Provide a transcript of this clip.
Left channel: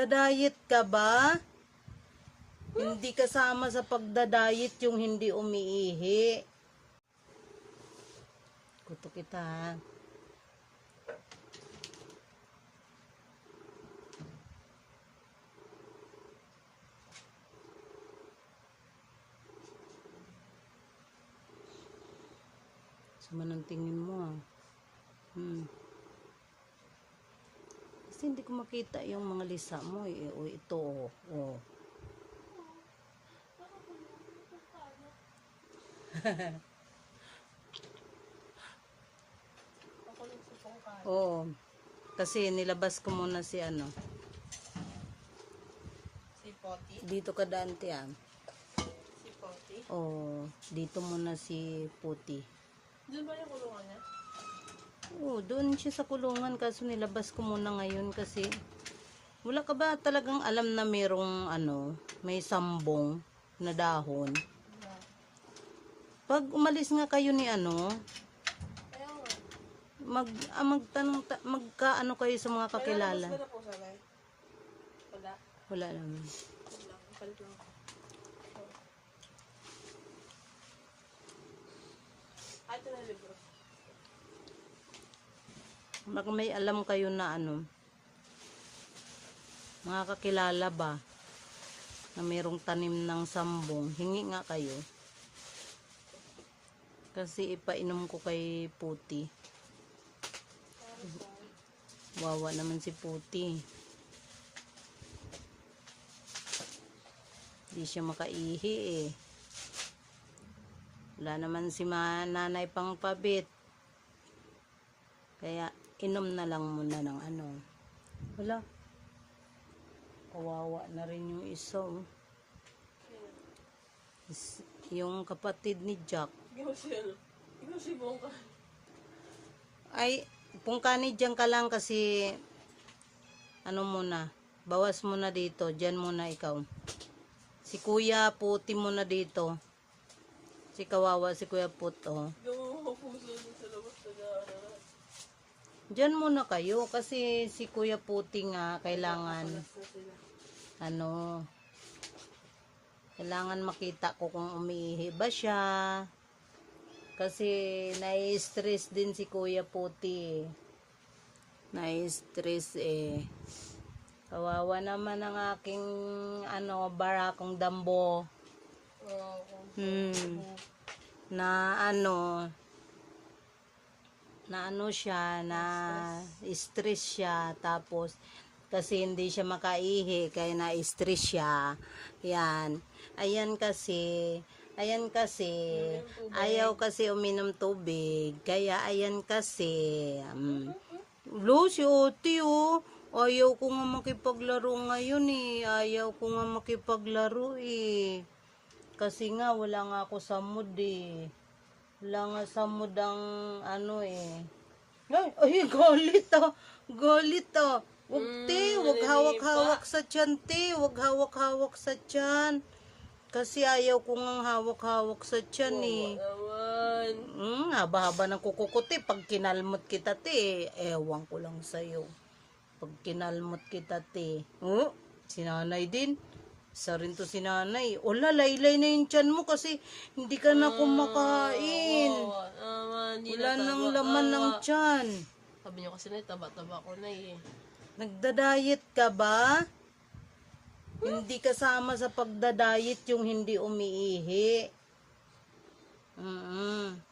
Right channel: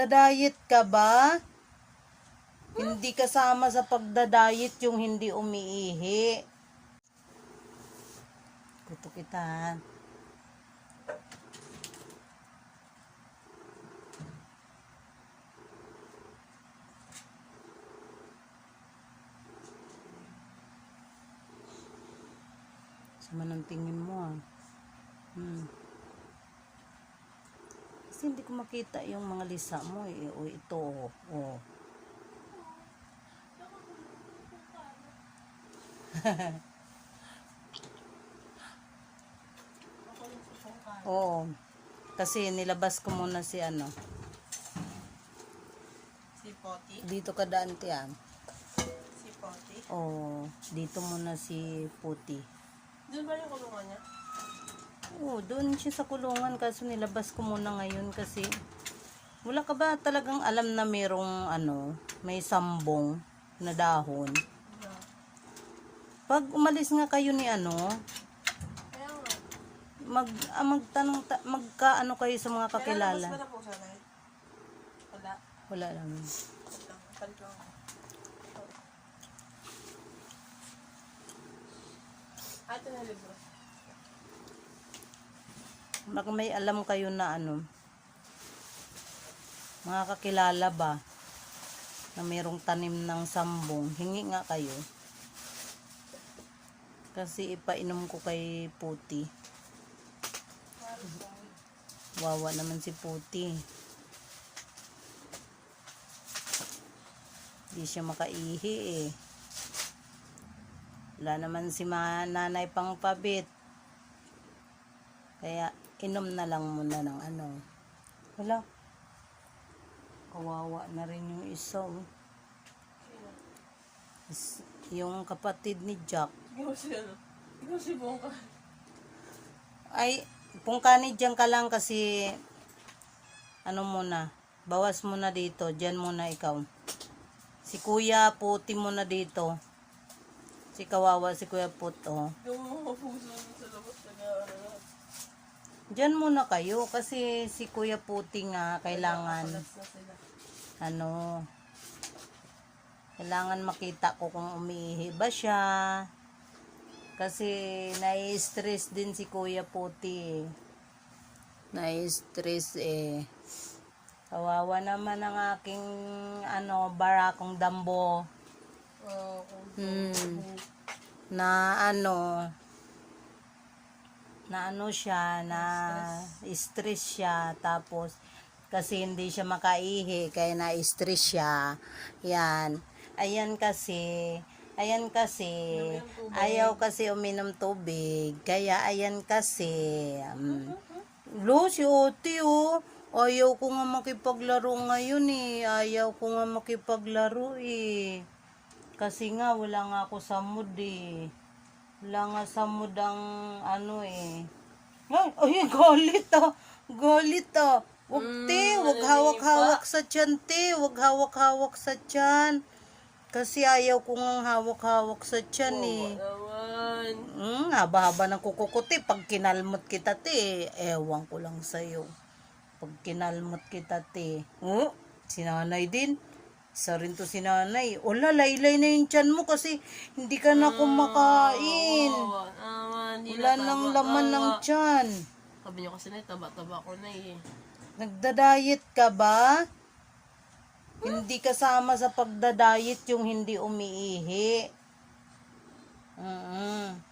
Nagda-diet ka ba? Hindi kasama sa pagda-diet yung hindi umiihi. Kuto kita. Sama ng tingin mo ah. Hmm. Kasi hindi ko makita yung mga lisa mo eh. O ito oh. oh. Ako yung susungkan. Oo. Kasi nilabas ko muna si ano. Si Poti. Dito ka daan tiyan. Si Poti. Oo. Dito muna si Puti. Doon ba yung kulungan niya? Oo, doon siya sa kulungan kaso nilabas ko muna ngayon kasi wala ka ba talagang alam na merong ano, may sambong na dahon? Pag umalis nga kayo ni ano, mag ah, magtanong ta, magkaano kayo sa mga kakilala? mas na po sana eh. Wala. Wala naman. Ah, ito na libro. Baka may alam kayo na ano, mga kakilala ba, na mayroong tanim ng sambong, hingi nga kayo. Kasi ipainom ko kay Puti. Wawa naman si Puti. Di siya makaihi eh. Wala naman si nanay pang pabit. Kaya inom na lang muna ng ano. Wala. Kawawa na rin yung isa. oh. Is- Yung kapatid ni Jack. Yusel. Yusel Bongka. Ay, pungkani dyan ka lang kasi ano muna, bawas muna dito, dyan muna ikaw. Si Kuya Puti muna dito. Si Kawawa, si Kuya Put, oh. Yung mga puso sa labas. Dyan muna kayo kasi si Kuya Puti nga kailangan, ano, kailangan makita ko kung umiihi ba siya. Kasi nai-stress din si Kuya Puti. Nai-stress eh. Kawawa naman ang aking ano, barakong dambo. Kung- Hmm. Na ano, na ano siya, na stress siya. Tapos, kasi hindi siya makaihi, kaya na-stress siya. Yan. Ayan kasi, ayan kasi, ayaw kasi uminom tubig. Kaya ayan kasi, um, Lo, si Oti, oh. Ayaw ko nga makipaglaro ngayon eh. Ayaw ko nga makipaglaro eh. Kasi nga, wala nga ako sa mood eh. Wala nga sa mood ang ano eh. Ay, ay, galit ah. Galit ah. Huwag te, huwag hawak-hawak sa tiyan te. Huwag hawak-hawak sa tiyan. Kasi ayaw ko nga hawak-hawak sa tiyan eh. Naman. Hmm, haba-haba ng kuko ko, te. Pag kinalmot kita, te, ewan ko lang sa'yo. Pag kinalmot kita, te. Oh, si nanay din. Isa rin to si nanay. Ola, laylay na yung tiyan mo kasi hindi ka na kumakain. Niyo kasi na, taba-taba ko na eh. Nagda-diet ka ba? Hindi kasama sa pagda-diet yung hindi umiihi. Mm